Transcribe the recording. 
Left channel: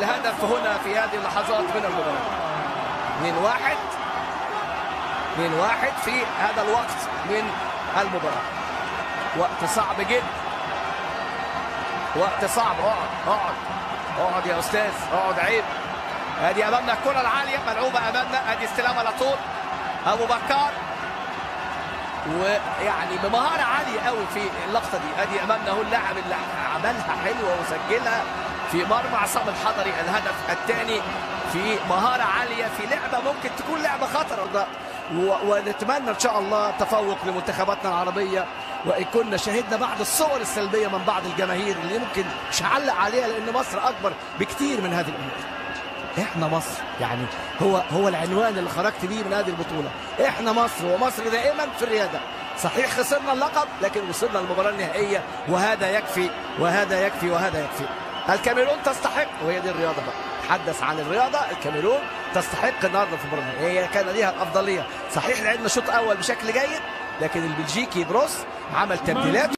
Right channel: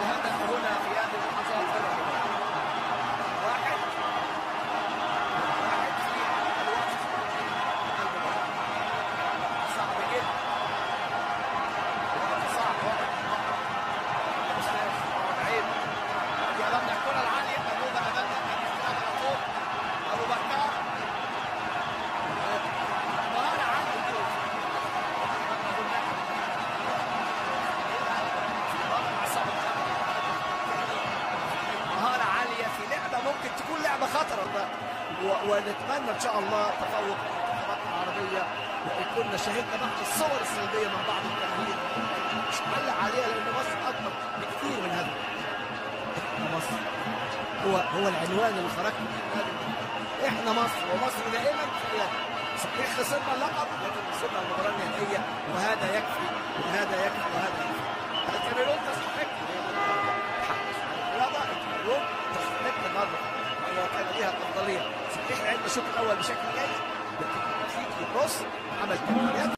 الهدف هنا في هذه اللحظات من المباراة. 2-1 في هذا الوقت من المباراة. وقت صعب جدا، وقت صعب. اقعد يا استاذ، اقعد، عيب. ادي امامنا الكرة العالية ملعوبة امامنا، ادي استلام على طول ابو بكر، ويعني بمهارة عالية قوي في اللقطة دي. ادي امامنا هو اللاعب اللي عملها حلوة وسجلها في مرمى عصام الحضري الهدف الثاني في مهارة عالية، في لعبة ممكن تكون لعبة خطرة ده. ونتمنى ان شاء الله تفوق لمنتخباتنا العربية، وإن كنا شاهدنا بعض الصور السلبية من بعض الجماهير اللي يمكن مش هعلق عليها لأن مصر أكبر بكتير من هذه الأمور. إحنا مصر، يعني هو العنوان اللي خرجت بيه من هذه البطولة. إحنا مصر، ومصر دائما في الريادة. صحيح خسرنا اللقب لكن وصلنا للمباراة النهائية، وهذا يكفي وهذا يكفي وهذا يكفي. الكاميرون تستحق، وهي دي الرياضة بقى. تحدث عن الرياضة، الكاميرون تستحق النهارده في المباراة. هي كان ليها الأفضلية. صحيح لعبنا شوط أول بشكل جيد، لكن البلجيكي بروس عمل تبديلات.